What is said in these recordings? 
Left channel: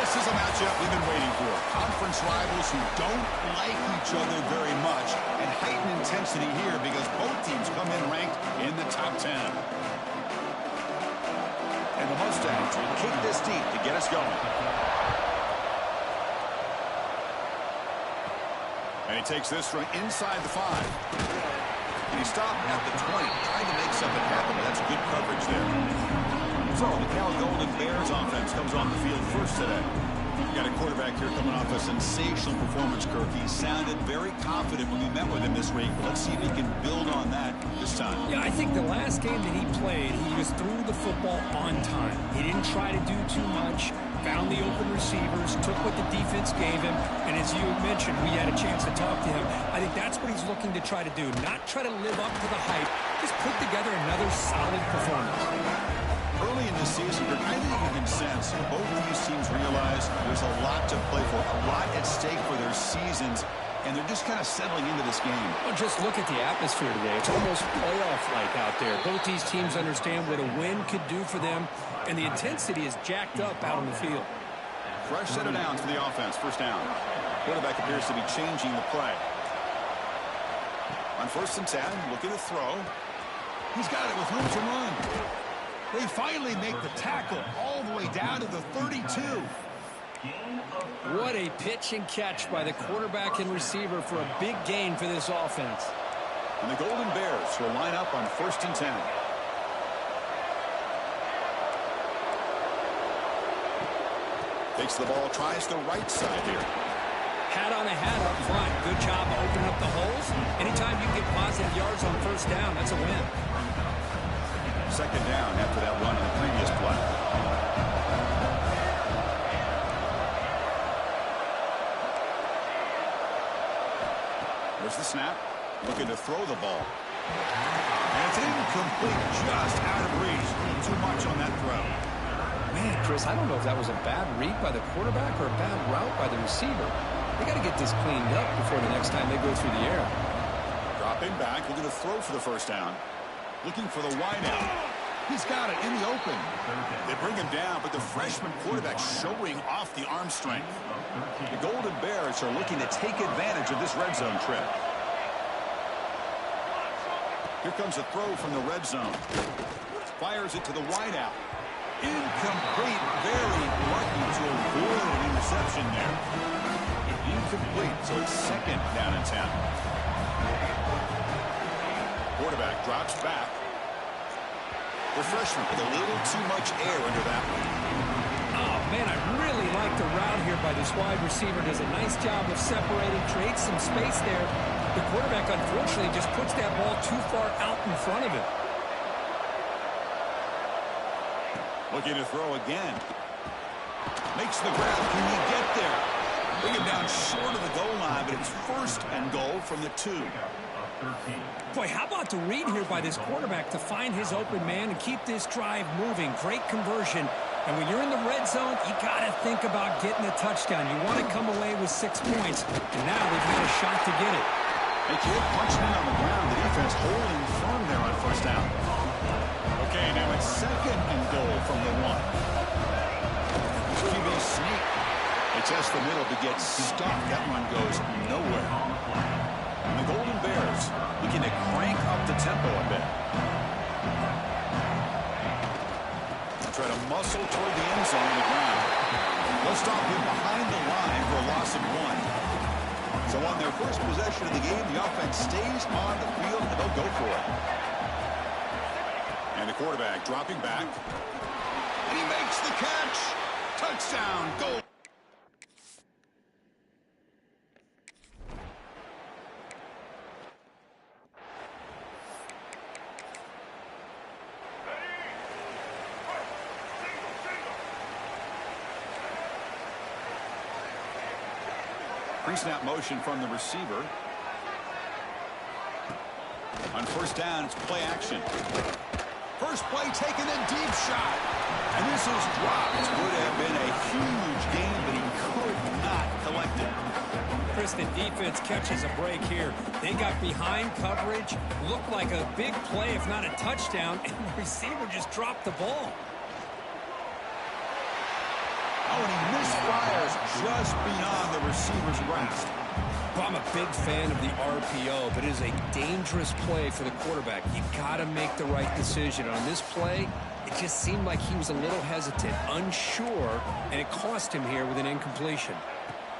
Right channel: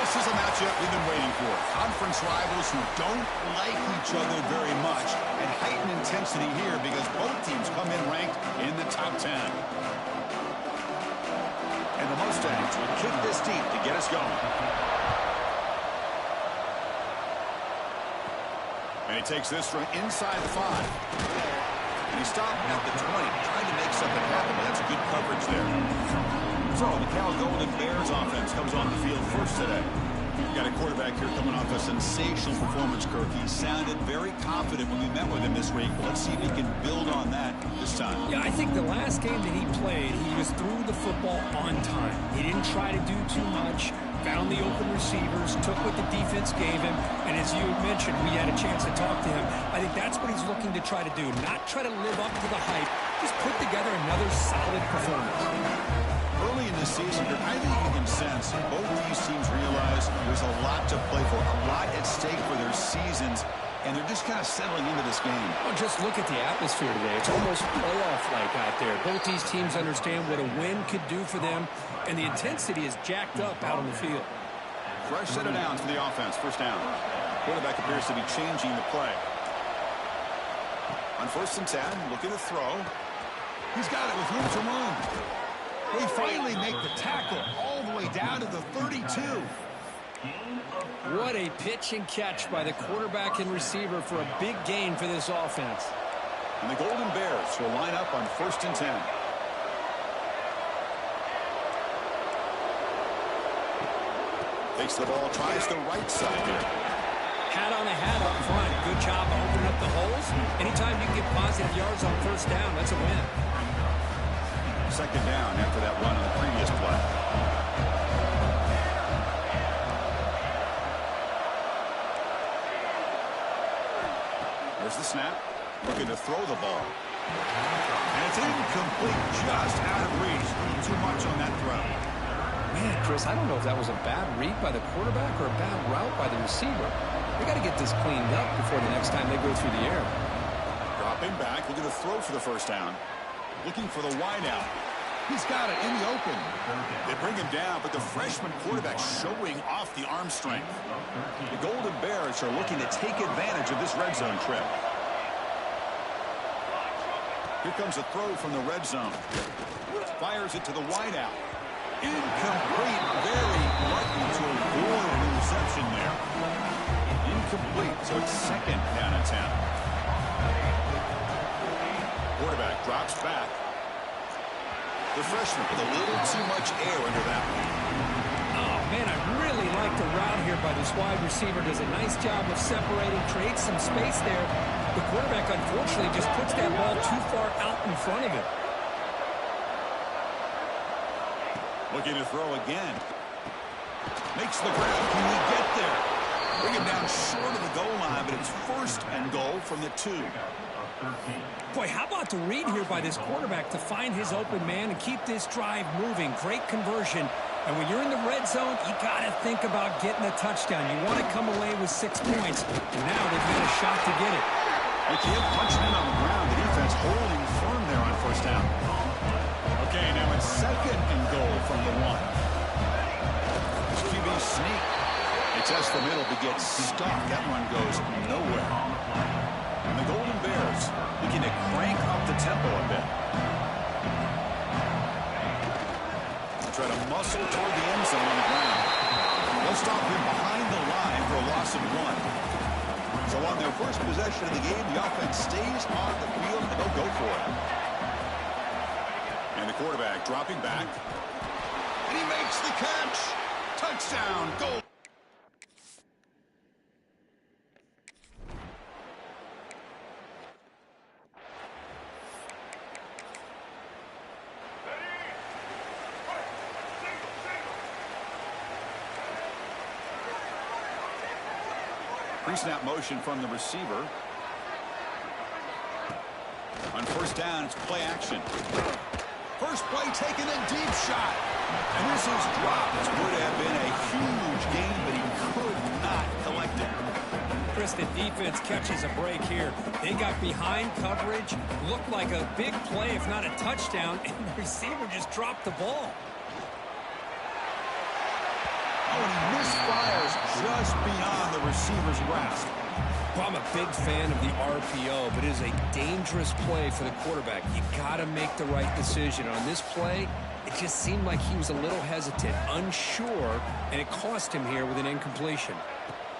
This is a matchup we've been waiting for. Conference rivals who don't like each other very much, and heightened intensity here because both teams come in ranked in the top 10. And the Mustangs will kick this deep to get us going. And he takes this from inside the 5. And he stopped at the 20, trying to make something happen, but that's good coverage there. So the Cal Golden Bears offense comes on the field first today. We've got a quarterback here coming off a sensational performance, Kirk. He sounded very confident when we met with him this week. Let's see if he can build on that this time. Yeah, I think the last game that he played, he just threw the football on time. He didn't try to do too much, found the open receivers, took what the defense gave him, and as you mentioned, we had a chance to talk to him. I think that's what he's looking to try to do, not try to live up to the hype, just put together another solid performance. Early in the season, I think you can sense both these teams realize there's a lot to play for, a lot at stake for their seasons, and they're just kind of settling into this game. Well, just look at the atmosphere today. It's almost playoff-like out there. Both these teams understand what a win could do for them, and the intensity is jacked up out on the field. Fresh set of downs for the offense, first down. Quarterback appears to be changing the play. On 1st and 10, looking to throw. He's got it with room to run. They finally make the tackle all the way down to the 32. What a pitch and catch by the quarterback and receiver for a big gain for this offense. And the Golden Bears will line up on 1st and 10. Takes the ball, tries the right side here. Hat on a hat up front. Good job of opening up the holes. Anytime you can get positive yards on 1st down, that's a win. 2nd down after that run on the previous play. There's the snap. Looking to throw the ball. And it's incomplete, just out of reach. Too much on that throw. Man, Chris, I don't know if that was a bad read by the quarterback or a bad route by the receiver. They got to get this cleaned up before the next time they go through the air. Dropping back, looking to throw for the 1st down. Looking for the wide out. He's got it in the open. They bring him down, but the freshman quarterback showing off the arm strength. The Golden Bears are looking to take advantage of this red zone trip. Here comes a throw from the red zone. Fires it to the wide out. Incomplete. Very lucky to avoid an interception there. Incomplete, so it's 2nd down and 10. Quarterback drops back. The freshman with a little too much air under that one. Oh, man, I really like the route here by this wide receiver. Does a nice job of separating, creates some space there. The quarterback, unfortunately, just puts that ball too far out in front of him. Looking to throw again. Makes the grab. Can he get there? Bring him down short of the goal line, but it's 1st and goal from the 2. Boy, how about the read here by this quarterback to find his open man and keep this drive moving. Great conversion. And when you're in the red zone, you got to think about getting a touchdown. You want to come away with 6 points. And now they've got a shot to get it. A kid punching in on the ground. The defense holding firm there on 1st down. Okay, now it's 2nd and goal from the 1. QB sneak. They test the middle to get stuck. That run goes nowhere. And the Golden Bears looking to crank up the tempo a bit. Try to muscle toward the end zone on the ground. They'll stop him behind the line for a loss of 1. So on their first possession of the game, the offense stays on the field and they'll go for it. And the quarterback dropping back. And he makes the catch. Touchdown, goal. Pre-snap motion from the receiver. On 1st down, it's play action. First play taken, then deep shot. And this is dropped. This would have been a huge gain, but he could not collect it. Chris, the defense catches a break here. They got behind coverage, looked like a big play, if not a touchdown, and the receiver just dropped the ball. Oh, and he misfires just beyond the receiver's grasp. Well, I'm a big fan of the RPO, but it is a dangerous play for the quarterback. You got to make the right decision. On this play, it just seemed like he was a little hesitant, unsure, and it cost him here with an incompletion.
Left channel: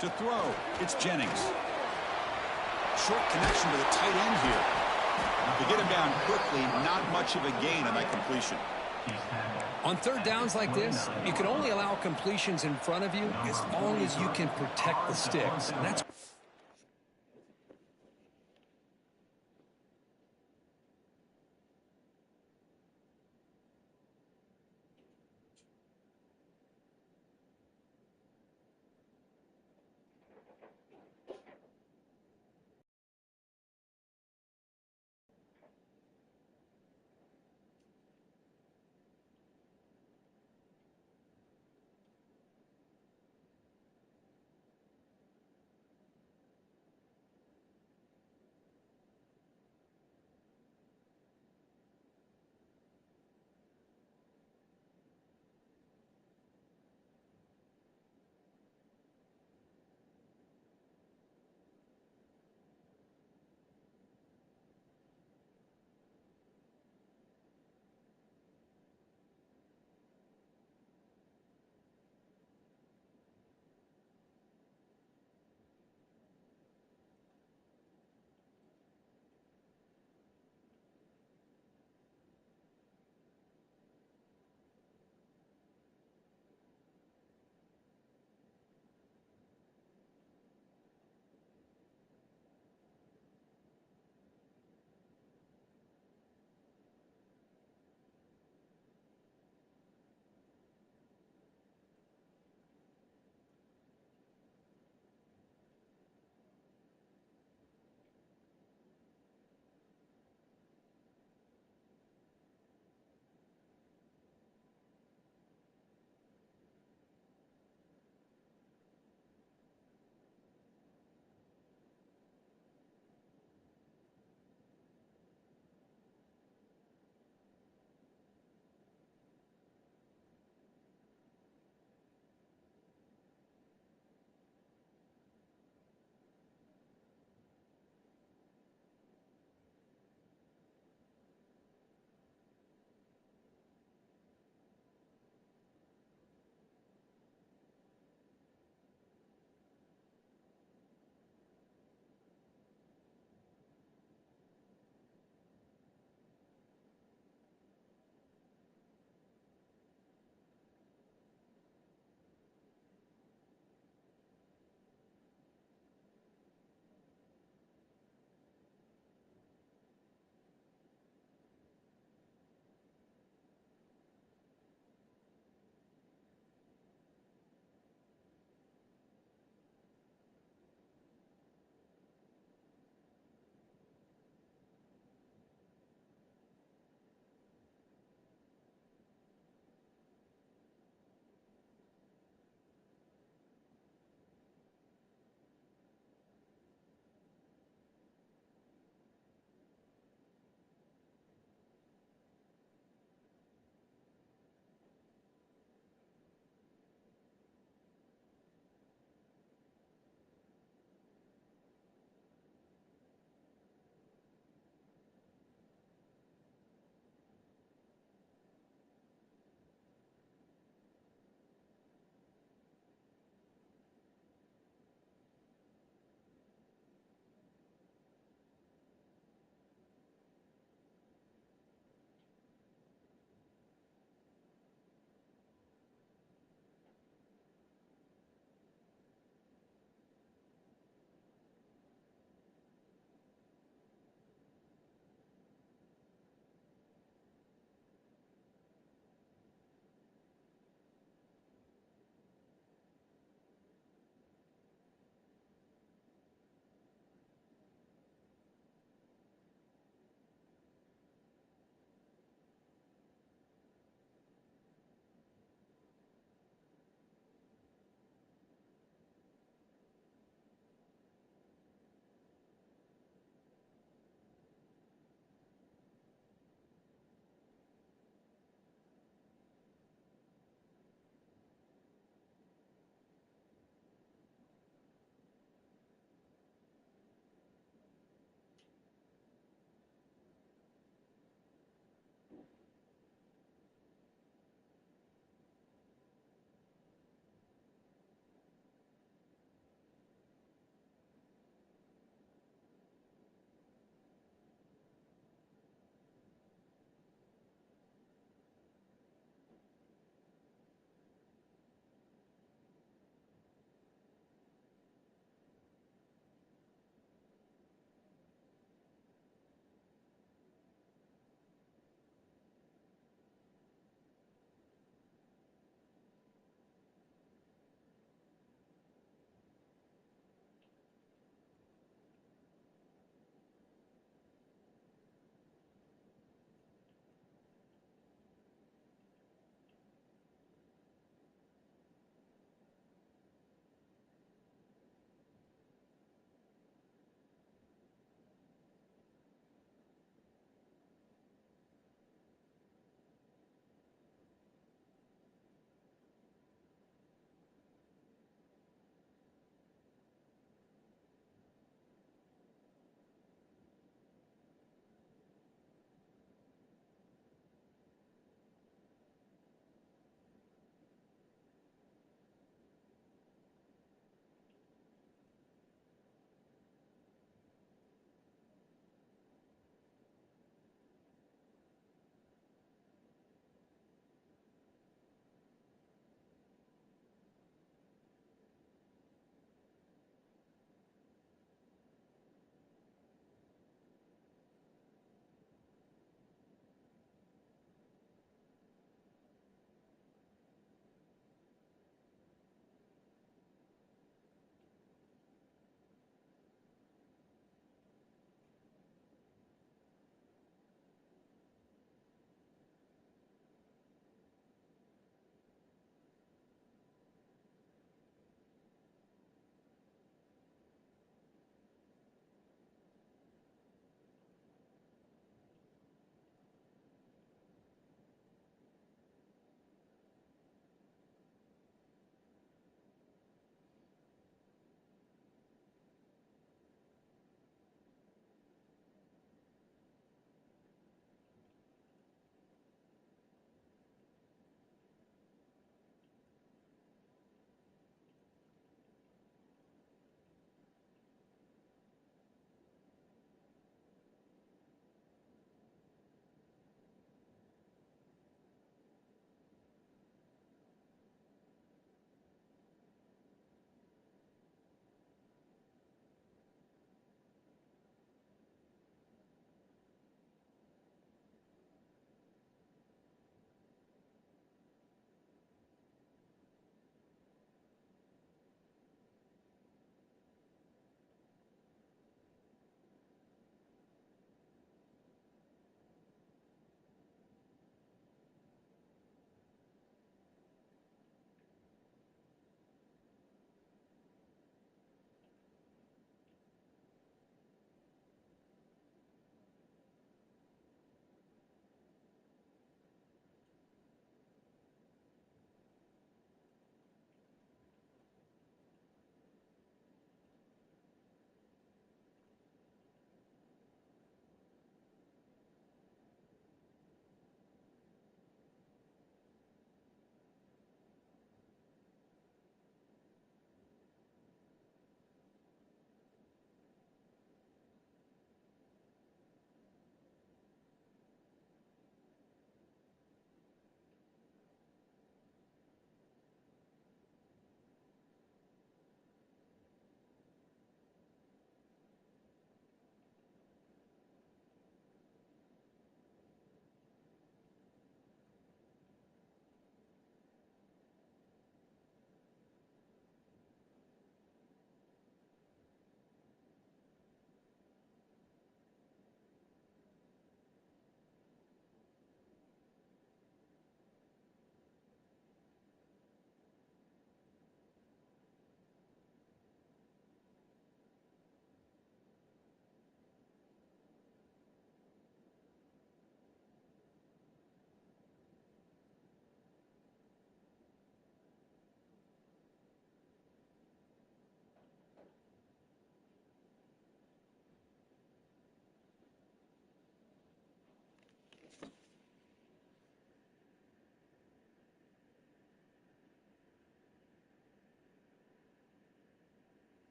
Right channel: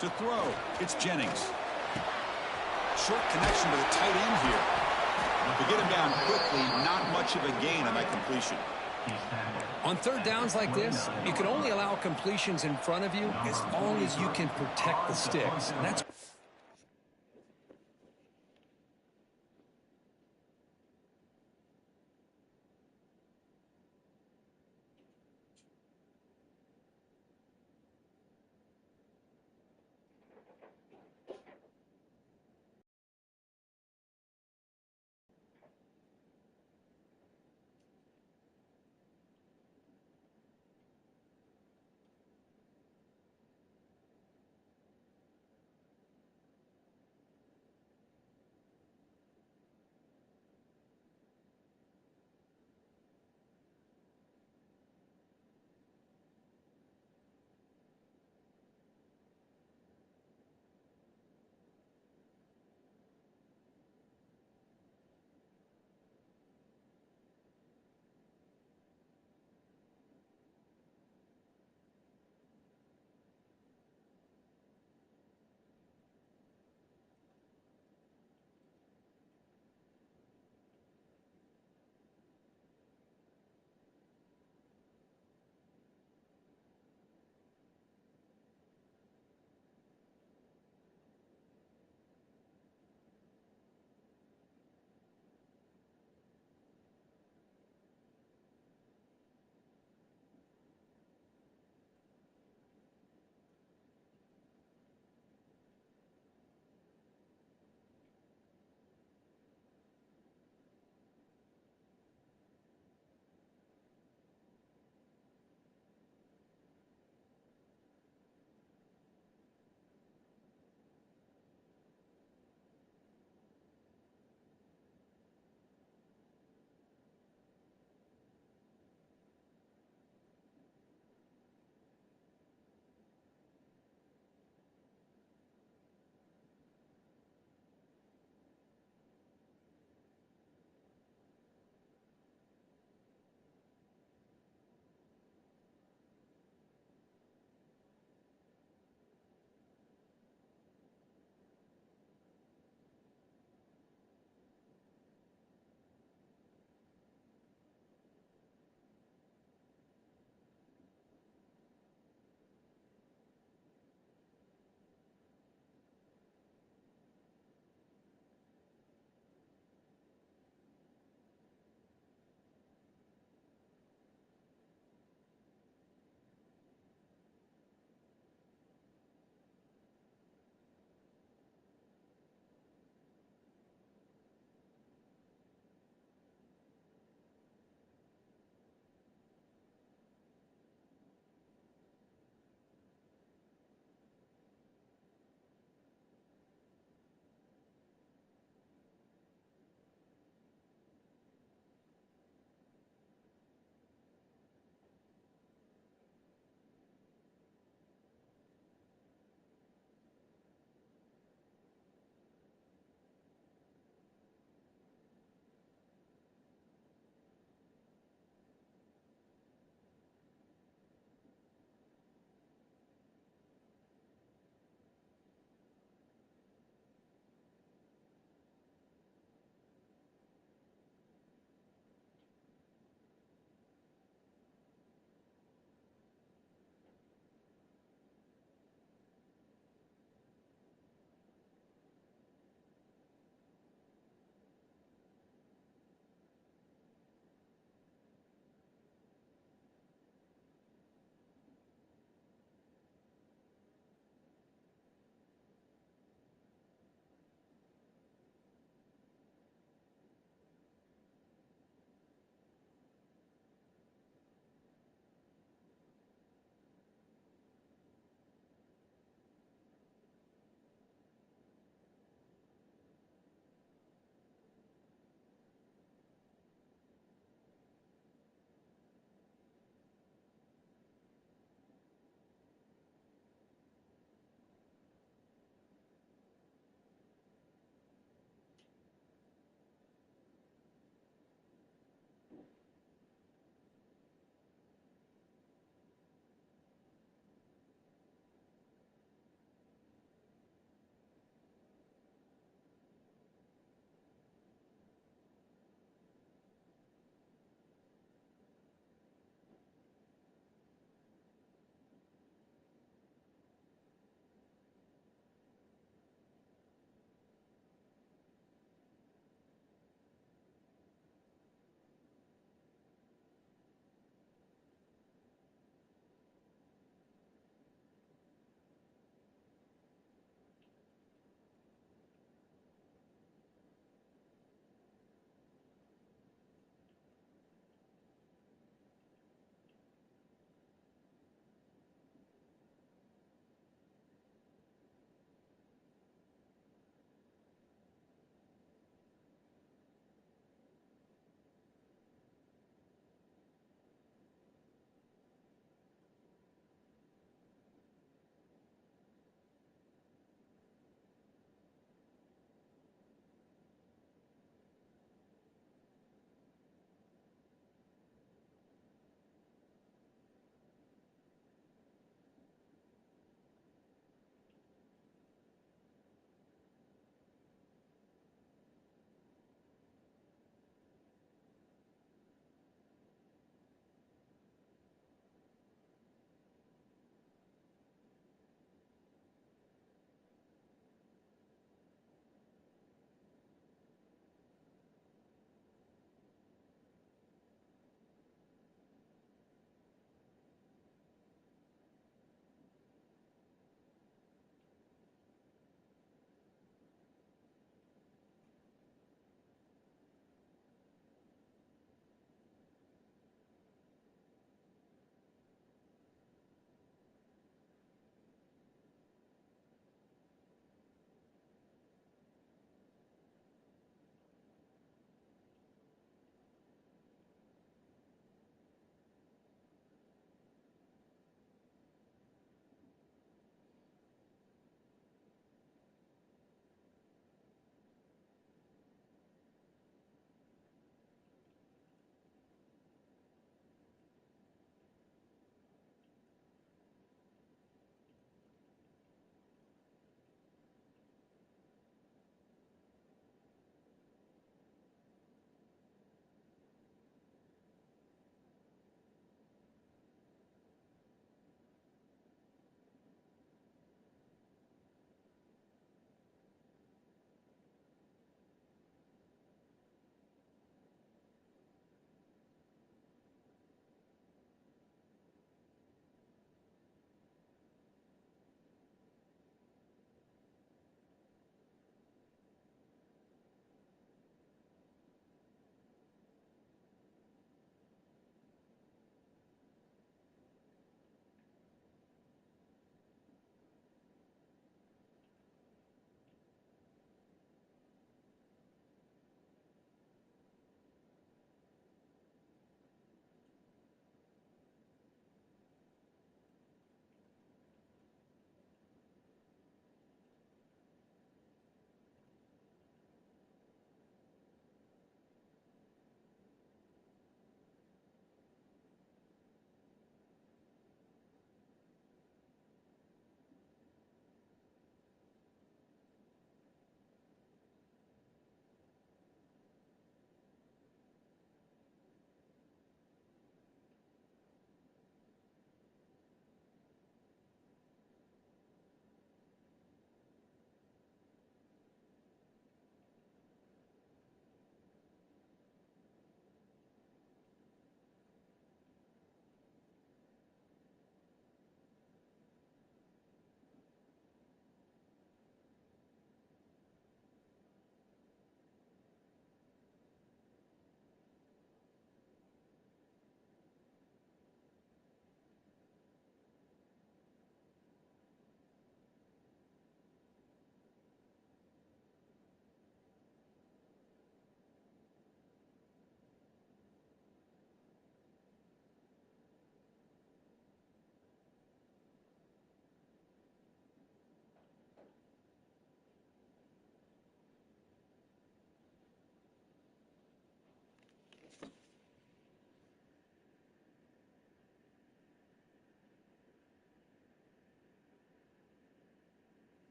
To throw, it's Jennings. Short connection to the tight end here. To get him down quickly, not much of a gain on that completion. On third downs like this, you can only allow completions in front of you as long as you can protect the sticks. And that's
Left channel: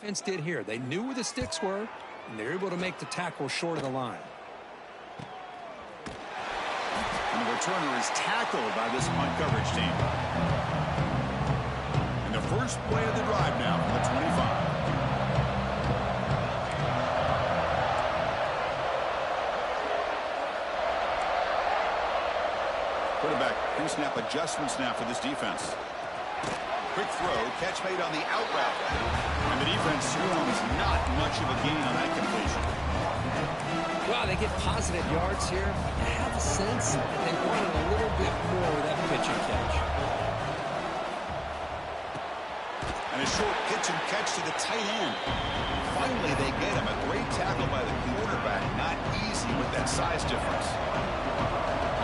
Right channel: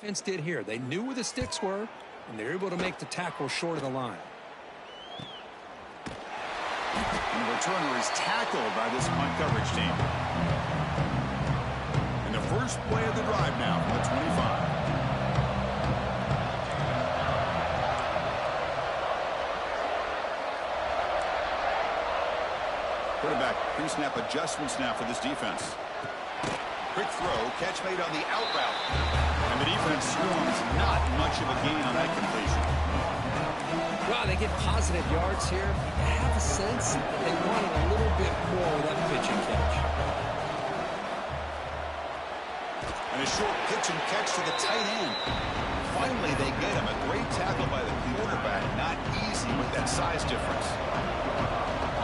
Defense did here. They knew where the sticks were, and they're able to make the tackle short of the line. And the returner is tackled by this punt coverage team. And the first play of the drive now from the 25. Quarterback pre-snap adjustments now for this defense. Quick throw, catch made on the out route. And the defense swarms not much of a gain on that completion. Well, they get positive yards here. You have a sense that they wanted a little bit more with that pitch and catch. And a short pitch and catch to the tight end. Finally, they get him. A great tackle by the quarterback. Not easy with that size difference.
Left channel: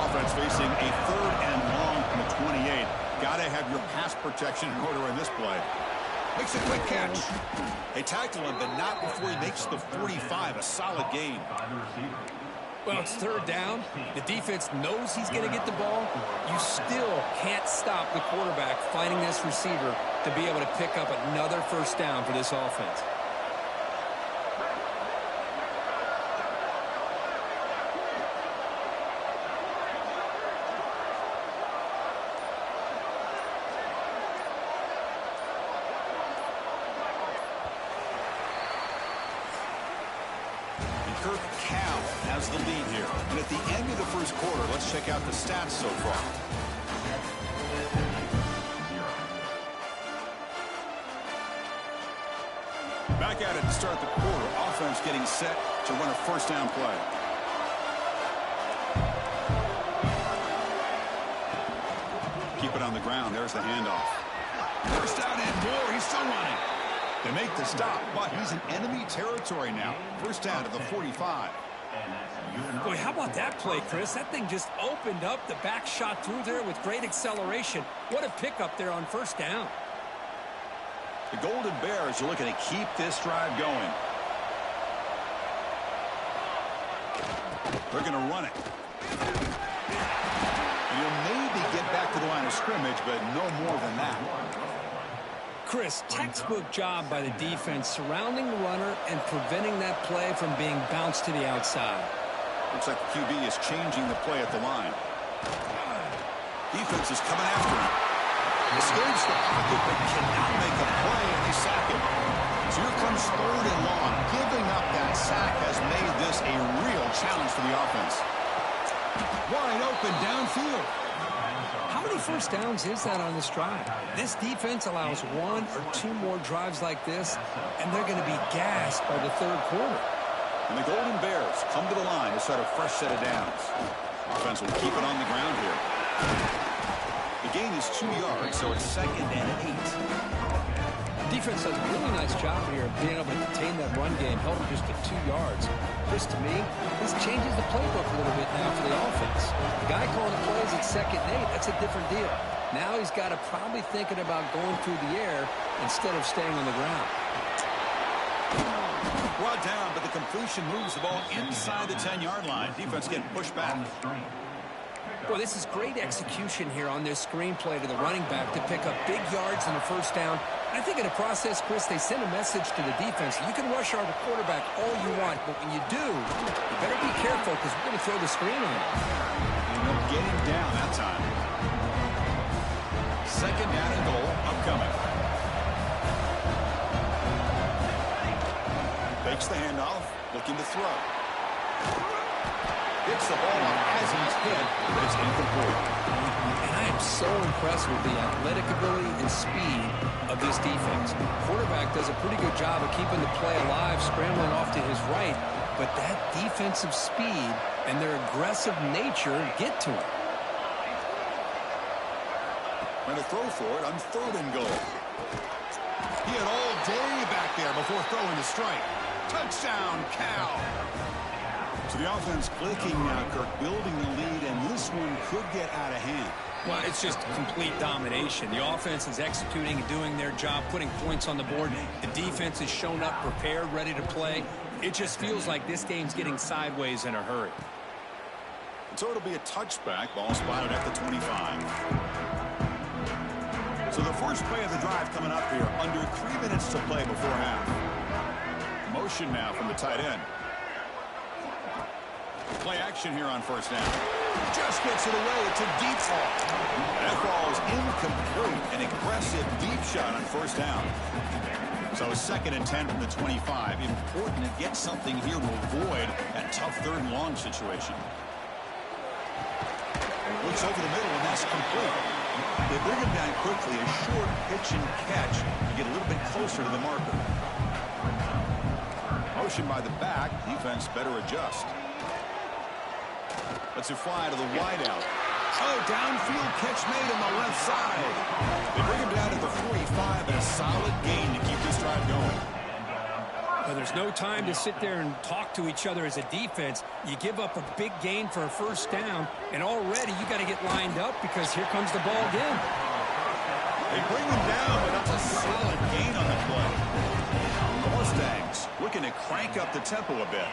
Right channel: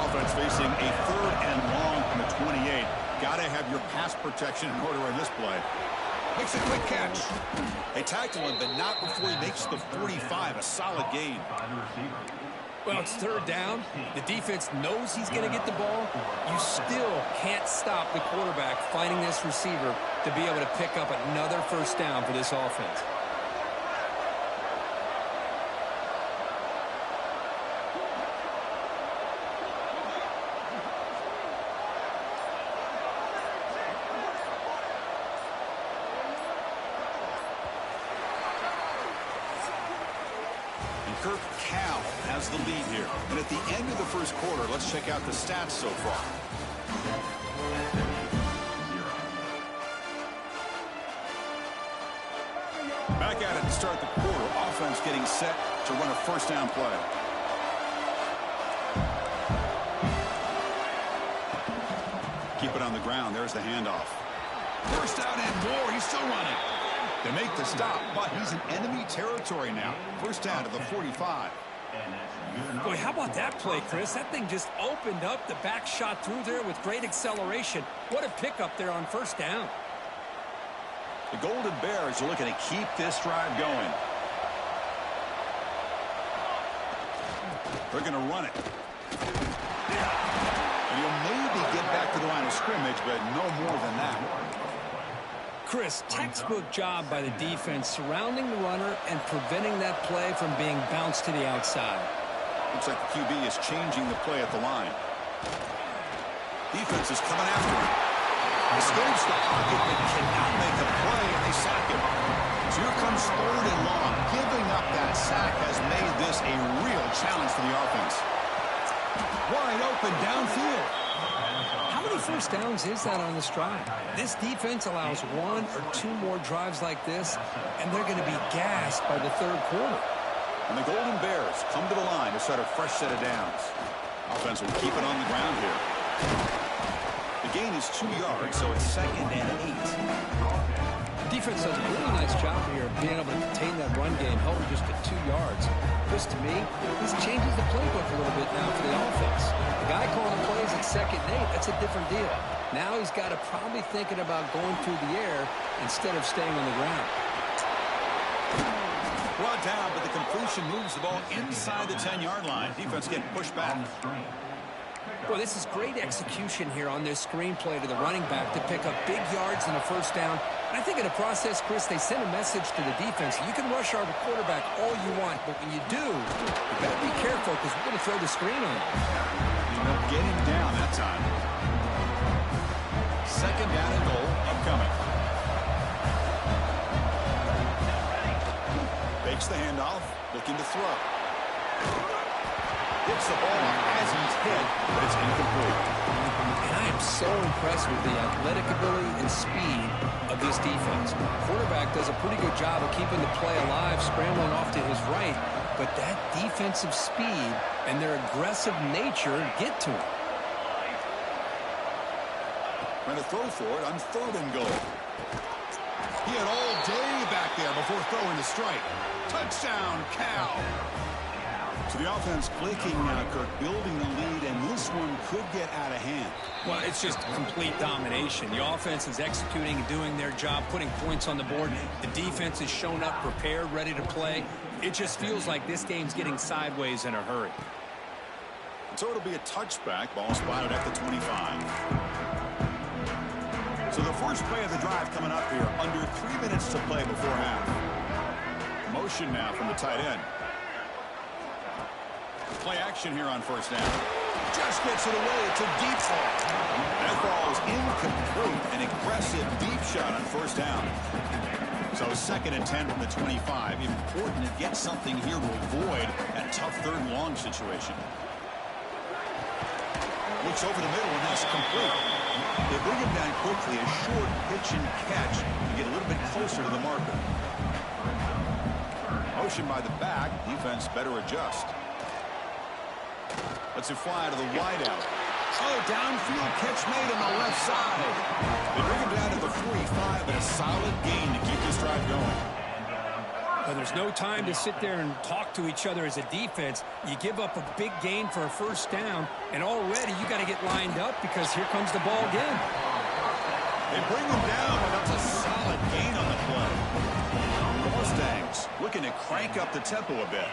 Offense facing a 3rd and long from the 28. Got to have your pass protection in order in this play. Makes a quick catch. They tackle him, but not before he makes the 45. A solid gain. Well, it's 3rd down. The defense knows he's going to get the ball. You still can't stop the quarterback finding this receiver to be able to pick up another 1st down for this offense. Kirk Cal has the lead here. And at the end of the first quarter, let's check out the stats so far. Back at it to start the quarter. Offense getting set to run a 1st down play. Keep it on the ground. There's the handoff. 1st down and more. He's still running. They make the stop, but he's in enemy territory now. 1st down to the 45. Boy, how about that play, Chris? That thing just opened up. The back shot through there with great acceleration. What a pickup there on 1st down. The Golden Bears are looking to keep this drive going. They're going to run it. And he'll maybe get back to the line of scrimmage, but no more than that. Chris, textbook job by the defense surrounding the runner and preventing that play from being bounced to the outside. Looks like the QB is changing the play at the line. Defense is coming after him. Escapes the pocket but cannot make a play, and they sack him. So here comes 3rd and long. Giving up that sack has made this a real challenge for the offense. Wide open downfield. How many 1st downs is that on this drive? This defense allows 1 or 2 more drives like this, and they're going to be gassed by the 3rd quarter. And the Golden Bears come to the line to start a fresh set of downs. Offense will keep it on the ground here. The gain is 2 yards, so it's 2nd and 8. Defense does a really nice job here of being able to contain that run game, held him just to 2 yards. Chris, to me, this changes the playbook a little bit now for the offense. The guy calling the plays at 2nd and 8, that's a different deal. Now he's got to probably thinking about going through the air instead of staying on the ground. Brought down, but the completion moves the ball inside the 10-yard line. Defense getting pushed back. Boy, this is great execution here on this screenplay to the running back to pick up big yards and a 1st down. And I think in the process, Chris, they send a message to the defense. You can rush our quarterback all you want, but when you do, you better be careful because we're going to throw the screen on him. And they'll get him down that time. 2nd down and goal upcoming. Fakes the handoff, looking to throw. Hits the ball off as he's hit, but it's incomplete. And I am so impressed with the athletic ability and speed of this defense. Quarterback does a pretty good job of keeping the play alive, scrambling off to his right, but that defensive speed and their aggressive nature get to him. Trying to throw for it on 3rd and goal. He had all day back there before throwing the strike. Touchdown, Cal. So the offense clicking now, Kirk, building the lead, and this one could get out of hand. Well, it's just complete domination. The offense is executing and doing their job, putting points on the board. The defense has shown up, prepared, ready to play. It just feels like this game's getting sideways in a hurry. So it'll be a touchback. Ball spotted at the 25. So the first play of the drive coming up here, under 3 minutes to play before half. Motion now from the tight end. Play action here on first down. Just gets it away. It's a deep ball. That ball is incomplete. An aggressive deep shot on first down. So 2nd and 10 from the 25. Important to get something here to avoid that tough 3rd and long situation. Looks over the middle, and that's complete. They bring him down quickly. A short pitch and catch to get a little bit closer to the marker. Motion by the back. Defense better adjust. Lets it fly to the wideout. Oh, downfield catch made on the left side. They bring him down to the 45, and a solid gain to keep this drive going. Well, there's no time to sit there and talk to each other as a defense. You give up a big gain for a first down, and already you got to get lined up because here comes the ball again. They bring him down, but that's a solid gain on the play. The Mustangs looking to crank up the tempo a bit.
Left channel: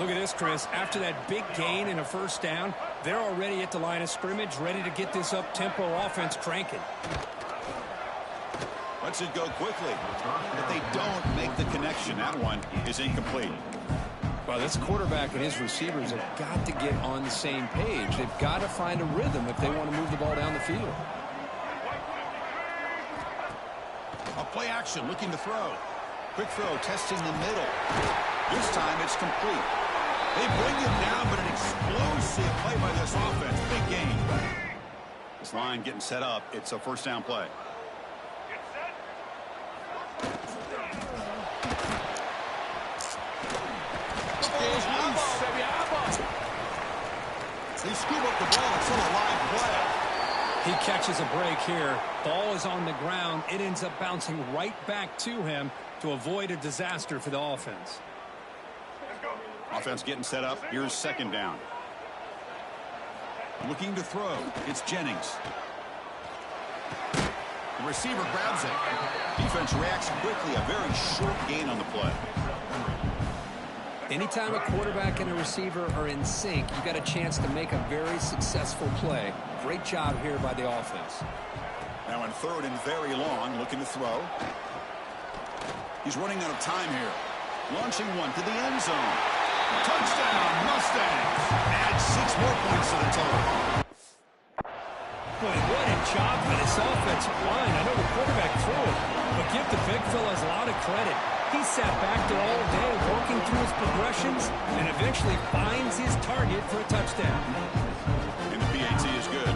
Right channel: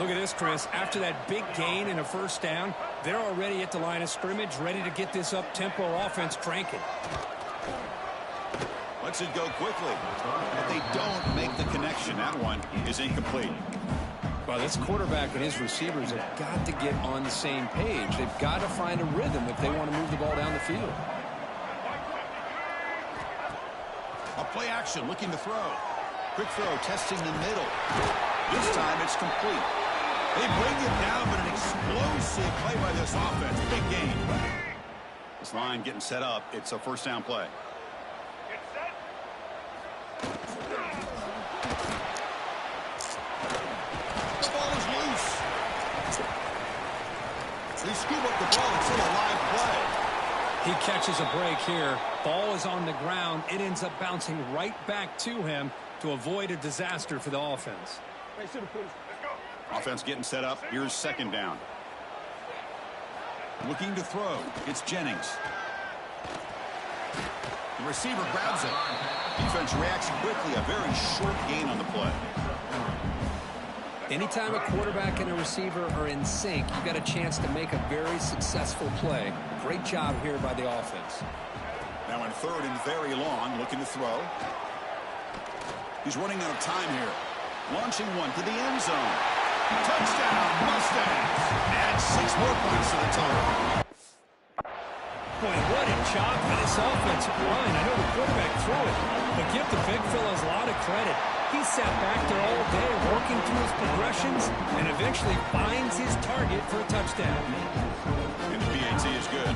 Look at this, Chris. After that big gain and a first down, they're already at the line of scrimmage, ready to get this up-tempo offense cranking. Lets it go quickly. But they don't make the connection. That one is incomplete. Well, this quarterback and his receivers have got to get on the same page. They've got to find a rhythm if they want to move the ball down the field. A play action, looking to throw. Quick throw, testing the middle. This time it's complete. They bring him down, but an explosive play by this offense. Big gain. This line getting set up. It's a first down play. The ball is loose. They scoop up the ball. It's still a live play. He catches a break here. Ball is on the ground. It ends up bouncing right back to him to avoid a disaster for the offense. Offense getting set up. Here's 2nd down. Looking to throw. It's Jennings. The receiver grabs it. Defense reacts quickly. A very short gain on the play. Anytime a quarterback and a receiver are in sync, you got a chance to make a very successful play. Great job here by the offense. Now in 3rd and very long, looking to throw. He's running out of time here. Launching one to the end zone. Touchdown, Mustangs. Add 6 more points to the total. Boy, what a job by this offensive line. I know the quarterback threw it, but give the big fellas a lot of credit. He sat back there all day working through his progressions and eventually finds his target for a touchdown. And the PAT is good.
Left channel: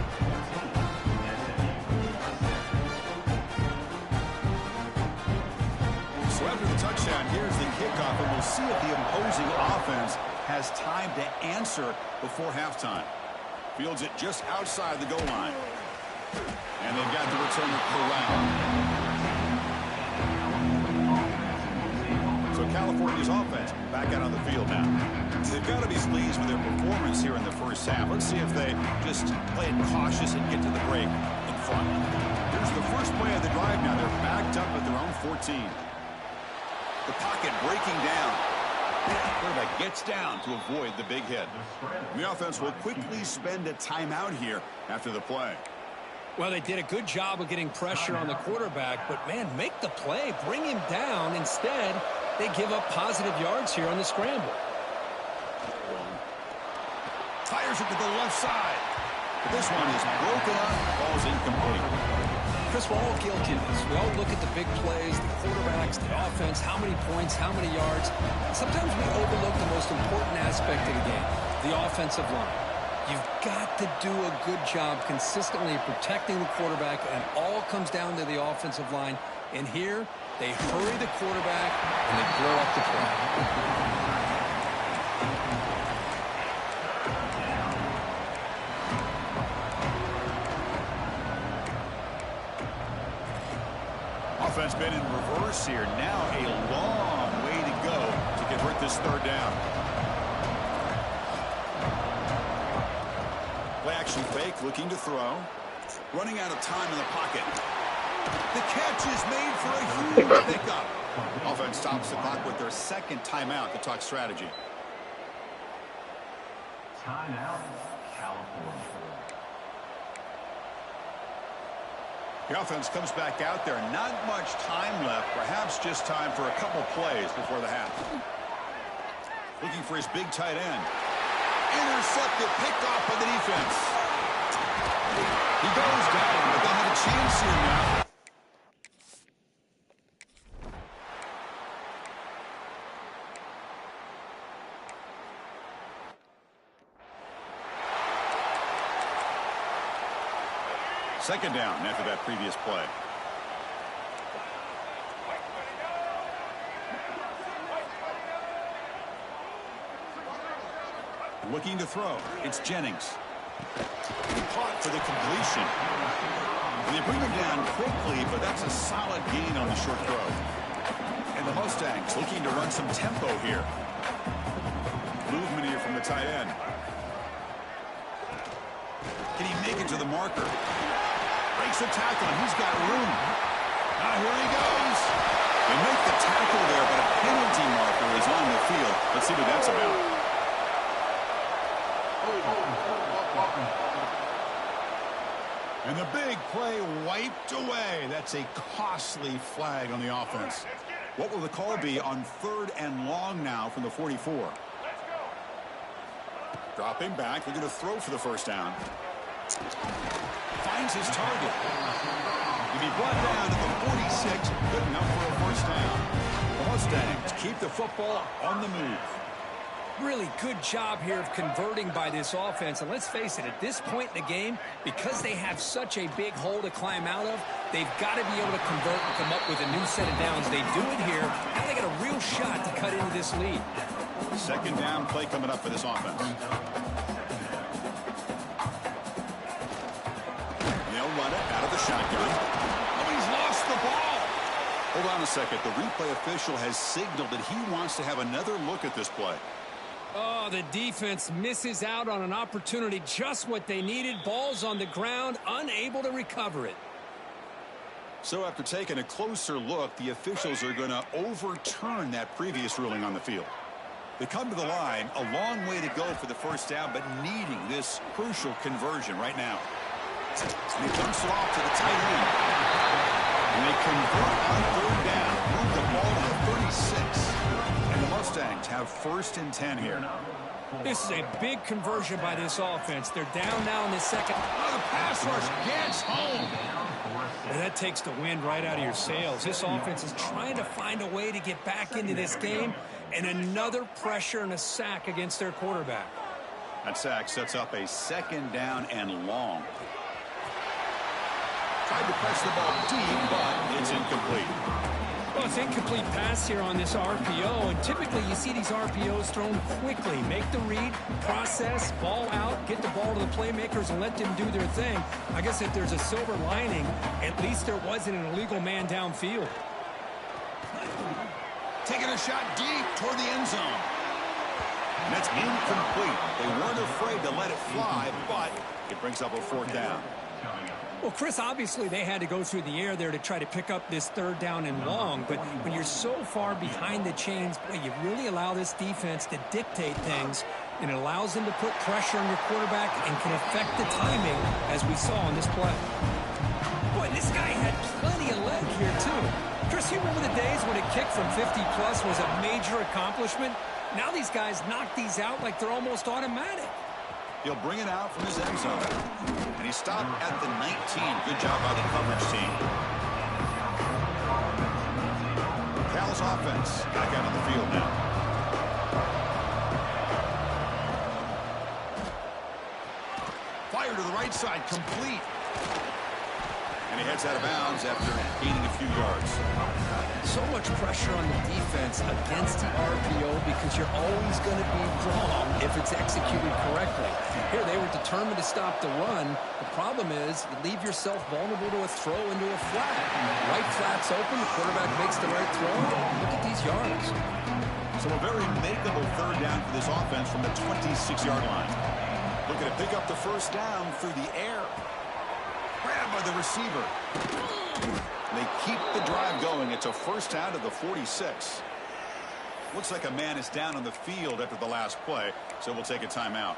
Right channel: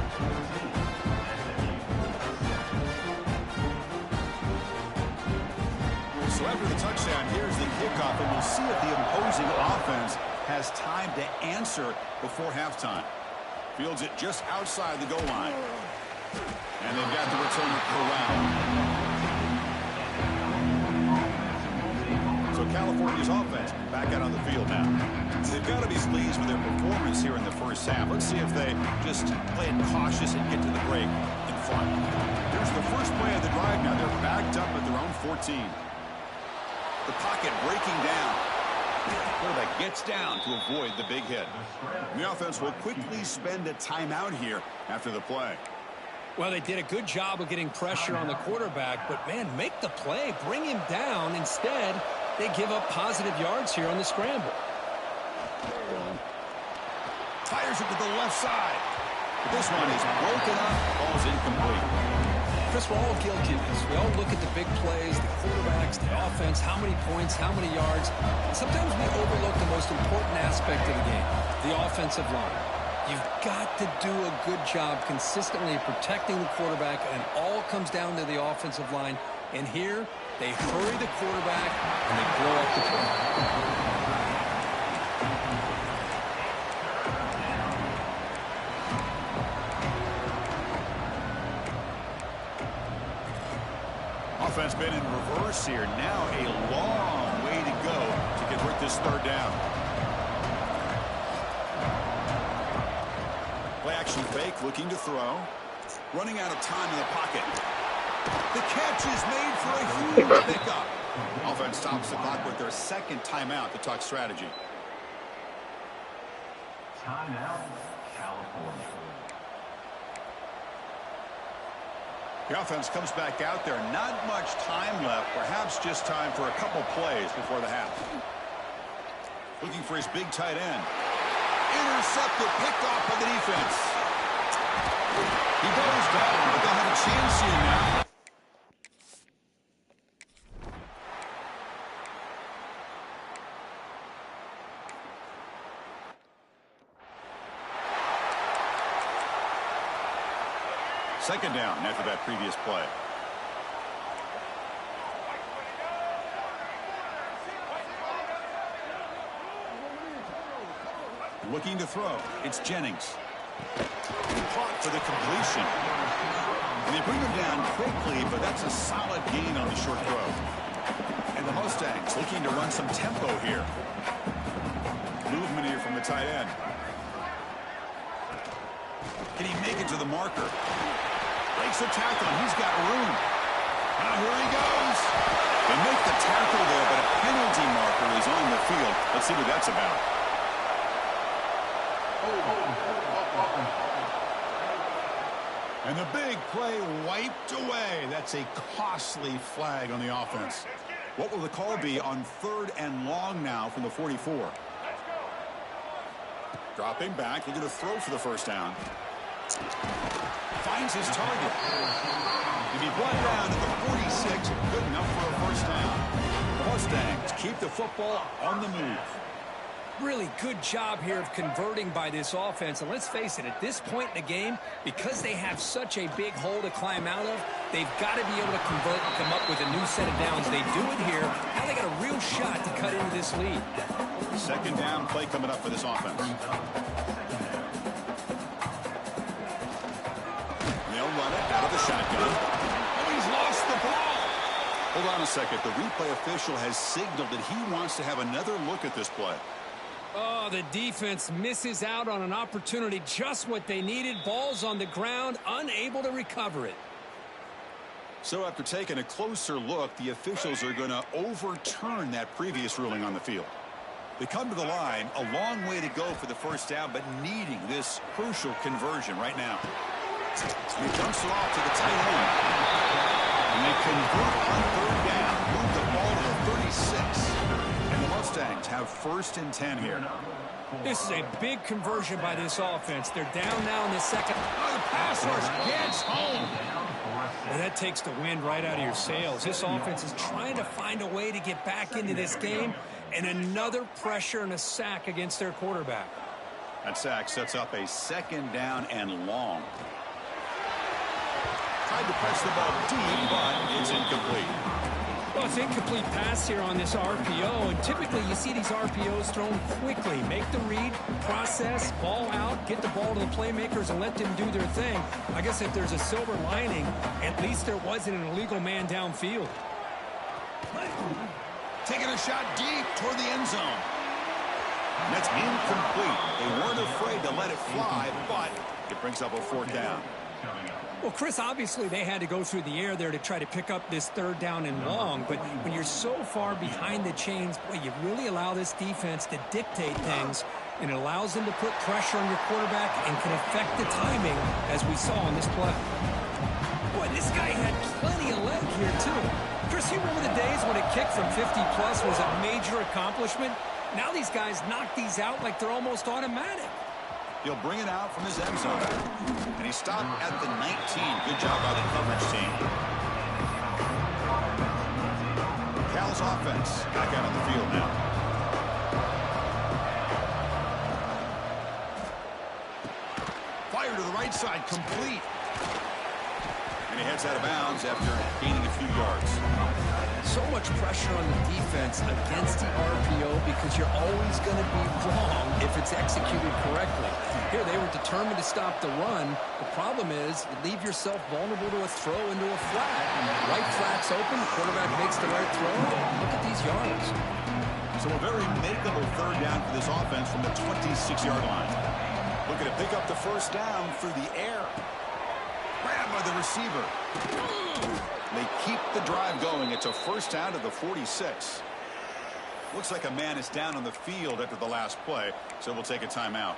So after the touchdown, here's the kickoff, and we'll see if the opposing offense has time to answer before halftime. Fields it just outside the goal line. And they've got the returner corralled. So California's offense back out on the field now. They've got to be pleased with their performance here in the first half. Let's see if they just play it cautious and get to the break in front. Here's the first play of the drive now. They're backed up at their own 14. The pocket breaking down. Quarterback gets down to avoid the big hit. The offense will quickly spend a timeout here after the play. Well, they did a good job of getting pressure on the quarterback, but, man, make the play. Bring him down. Instead, they give up positive yards here on the scramble. Fires it to the left side. But this one is broken up. Ball's incomplete. Chris, we're all guilty of this. We all look at the big plays, the quarterbacks, the offense, how many points, how many yards. Sometimes we overlook the most important aspect of the game, the offensive line. You've got to do a good job consistently protecting the quarterback, and it all comes down to the offensive line. And here, they hurry the quarterback, and they blow up the play. Offense been in reverse here. Now a long way to go to convert this 3rd down. Play action fake, looking to throw. Running out of time in the pocket. The catch is made for a huge pickup. Offense stops the clock with their 2nd timeout to talk strategy. Timeout, California. The offense comes back out there. Not much time left. Perhaps just time for a couple plays before the half. Looking for his big tight end. Intercepted, picked off by the defense. He goes down, but they'll have a chance here now. Second down after that previous play. Looking to throw. It's Jennings. Caught for the completion. And they bring him down quickly, but that's a solid gain on the short throw. And the Mustangs looking to run some tempo here. Movement here from the tight end. Can he make it to the marker? Breaks the tackle, and he's got room. Now here he goes. They make the tackle there, but a penalty marker is on the field. Let's see what that's about. And the big play wiped away. That's a costly flag on the offense. What will the call be on 3rd and long now from the 44? Dropping back, looking to throw for the first down. Finds his target. To be brought down to the 46, good enough for a first down. The Mustangs keep the football on the move. Really good job here of converting by this offense. And let's face it, at this point in the game, because they have such a big hole to climb out of, they've got to be able to convert and come up with a new set of downs. They do it here. Now they got a real shot to cut into this lead. Second down play coming up for this offense. They'll run it out of the shotgun. Oh, he's lost the ball. Hold on a second. The replay official has signaled that he wants to have another look at this play. Oh, the defense misses out on an opportunity, just what they needed. Ball's on the ground, unable to recover it. So after taking a closer look, the officials are going to overturn that previous ruling on the field. They come to the line, a long way to go for the first down, but needing this crucial conversion right now. And he dumps it off to the tight end. And they convert on 3rd down, move the ball to the 36. And the Mustangs have 1st and 10 here. This is a big conversion by this offense. They're down now in the second. Oh, the pass rush gets home. Well, that takes the wind right out of your sails. This offense is trying to find a way to get back into this game, and another pressure and a sack against their quarterback. That sack sets up a 2nd down and long. Tried to press the ball deep, but it's incomplete. Well, it's incomplete pass here on this RPO, and typically you see these RPOs thrown quickly. Make the read, process, ball out, get the ball to the playmakers and let them do their thing. I guess if there's a silver lining, at least there wasn't an illegal man downfield. Taking a shot deep toward the end zone. And that's incomplete. They weren't afraid to let it fly, but it brings up a 4th down. Well, Chris, obviously they had to go through the air there to try to pick up this 3rd down and long, but when you're so far behind the chains, boy, you really allow this defense to dictate things, and it allows them to put pressure on your quarterback and can affect the timing, as we saw on this play. Boy, this guy had plenty of leg here, too. Chris, you remember the days when a kick from 50-plus was a major accomplishment? Now these guys knock these out like they're almost automatic. He'll bring it out from his end zone. And he stopped at the 19. Good job by the coverage team. Cal's offense back out on the field now. Fire to the right side, complete. And he heads out of bounds after gaining a few yards. So much pressure on the defense against the RPO because you're always going to be wrong if it's executed correctly. Here, they were determined to stop the run. The problem is you leave yourself vulnerable to a throw into a flat. Right flat's open, the quarterback makes the right throw. Look at these yards. So a very makeable 3rd down for this offense from the 26-yard line. Looking to pick up the first down through the air. Grabbed by the receiver. They keep the drive going. It's a first down to the 46. Looks like a man is down on the field after the last play, so we'll take a timeout.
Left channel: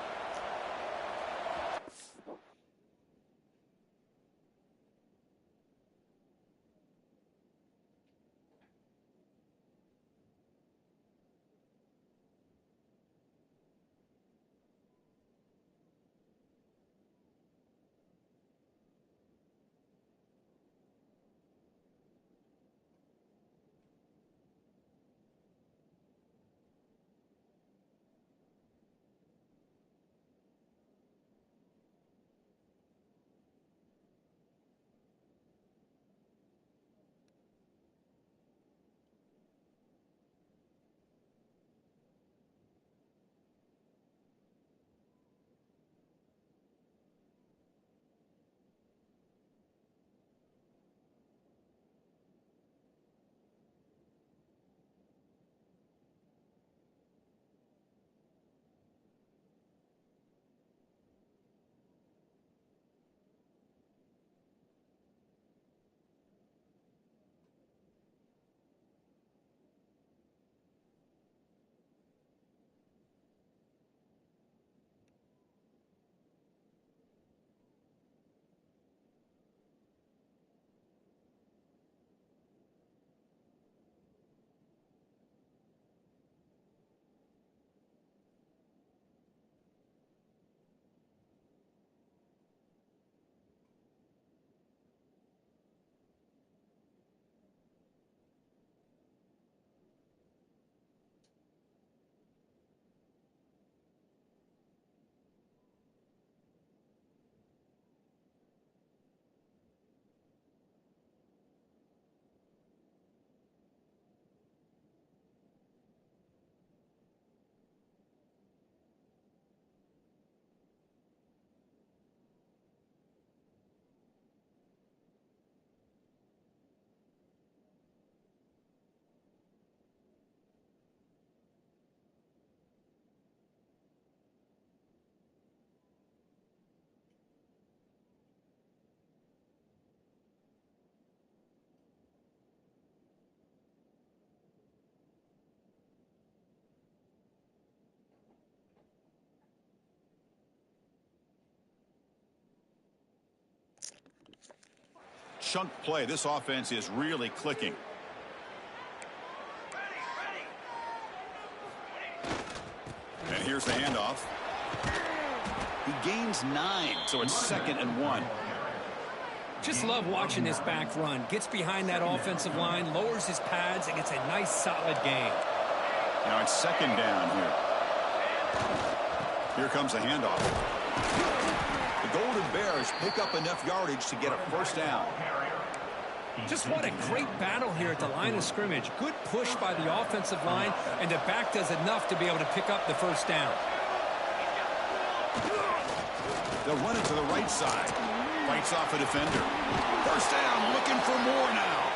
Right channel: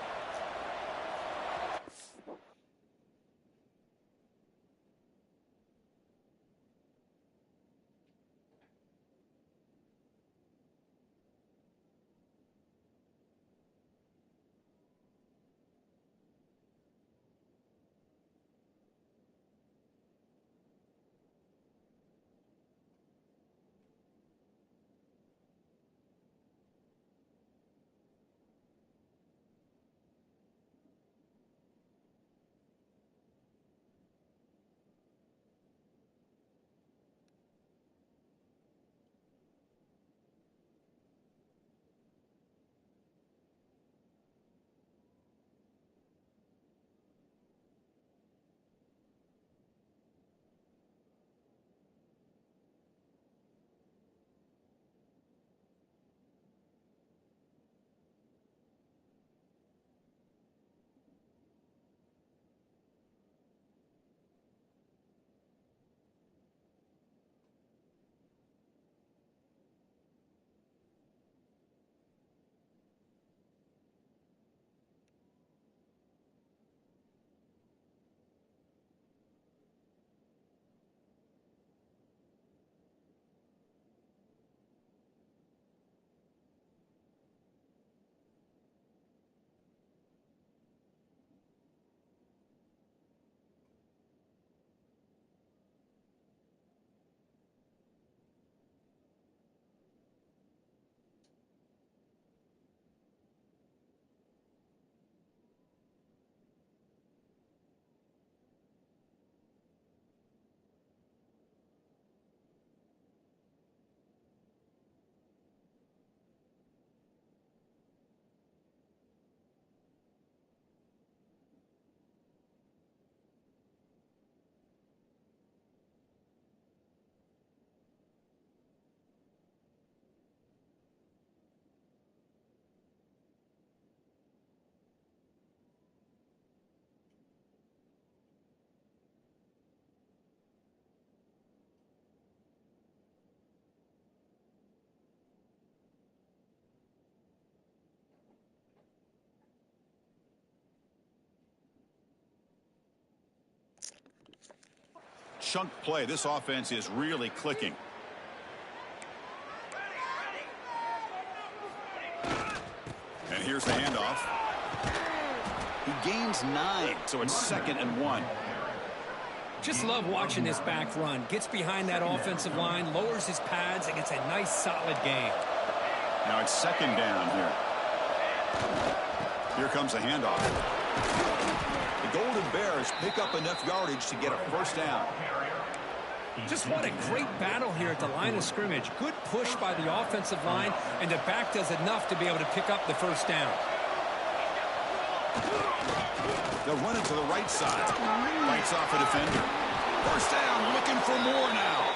chunk play. This offense is really clicking. And here's the handoff. He gains 9, so it's 2nd and 1. Just love watching this back run. Gets behind that offensive line, lowers his pads, and gets a nice solid gain. Now it's 2nd down here. Here comes the handoff. The Golden Bears pick up enough yardage to get a 1st down. Just what a great battle here at the line of scrimmage. Good push by the offensive line, and the back does enough to be able to pick up the 1st down. They'll run it to the right side. Fights off a defender. 1st down, looking for more now.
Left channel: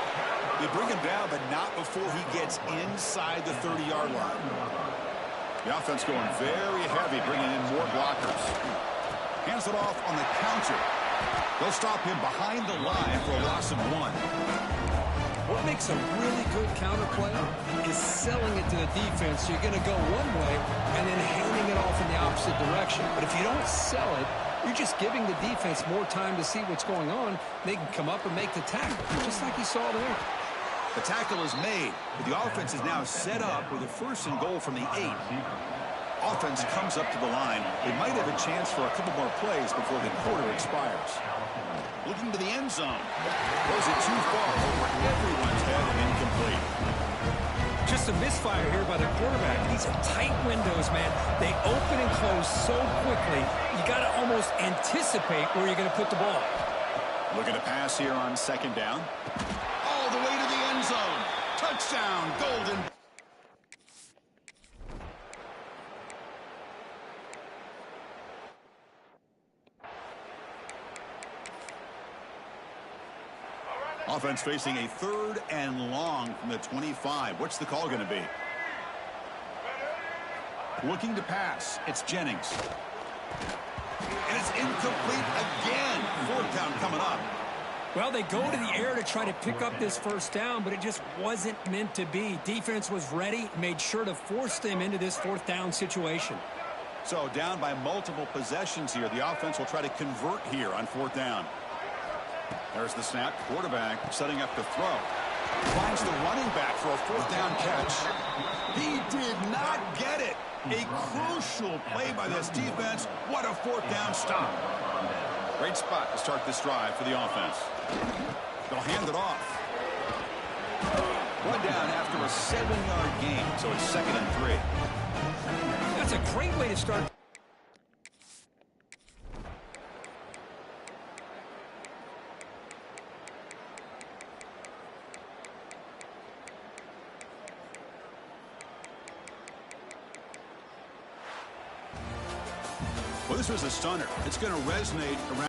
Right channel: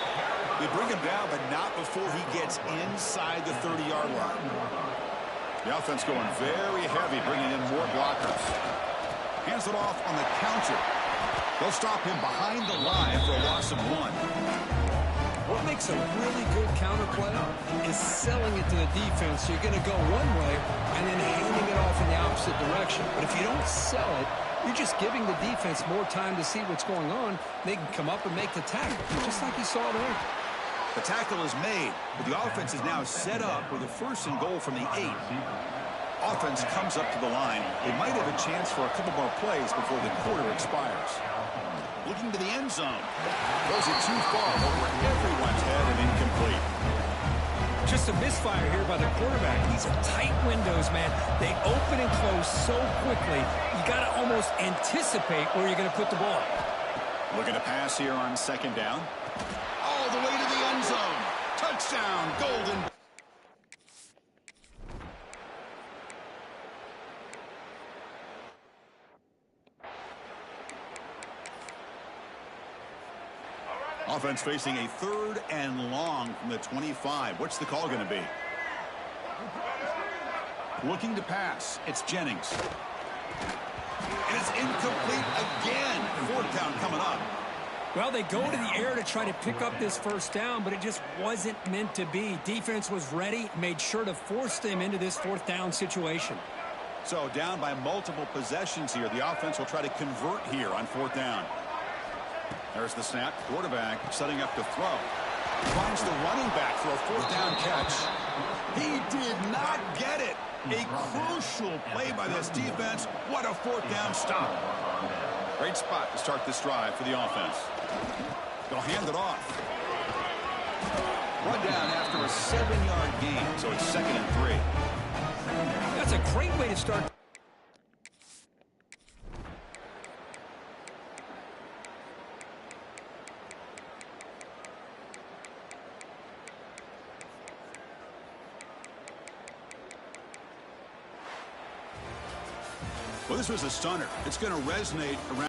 They bring him down, but not before he gets inside the 30-yard line. The offense going very heavy, bringing in more blockers. Hands it off on the counter. They'll stop him behind the line for a loss of 1. What makes a really good counter play is selling it to the defense. So you're going to go one way and then handing it off in the opposite direction. But if you don't sell it, you're just giving the defense more time to see what's going on. They can come up and make the tackle, just like you saw there. The tackle is made, but the offense is now set up with a 1st and goal from the 8. Offense comes up to the line. They might have a chance for a couple more plays before the quarter expires. Looking to the end zone. Throws it too far over everyone's head and incomplete. Just a misfire here by the quarterback. These are tight windows, man. They open and close so quickly. You got to almost anticipate where you're going to put the ball. Looking to pass here on 2nd down. All the way to the end zone. Touchdown, Golden. Offense facing a 3rd and long from the 25. What's the call going to be? Looking to pass. It's Jennings. And it's incomplete again. 4th down coming up. Well, they go to the air to try to pick up this 1st down, but it just wasn't meant to be. Defense was ready, made sure to force them into this 4th down situation. So down by multiple possessions here. The offense will try to convert here on 4th down. There's the snap. Quarterback setting up to throw. Finds the running back for a 4th down catch. He did not get it. A crucial play by this defense. What a 4th down stop. Great spot to start this drive for the offense. They'll hand it off. Run down after a 7-yard gain, so it's 2nd and 3. That's a great way to start. Well, this was a stunner. It's going to resonate around.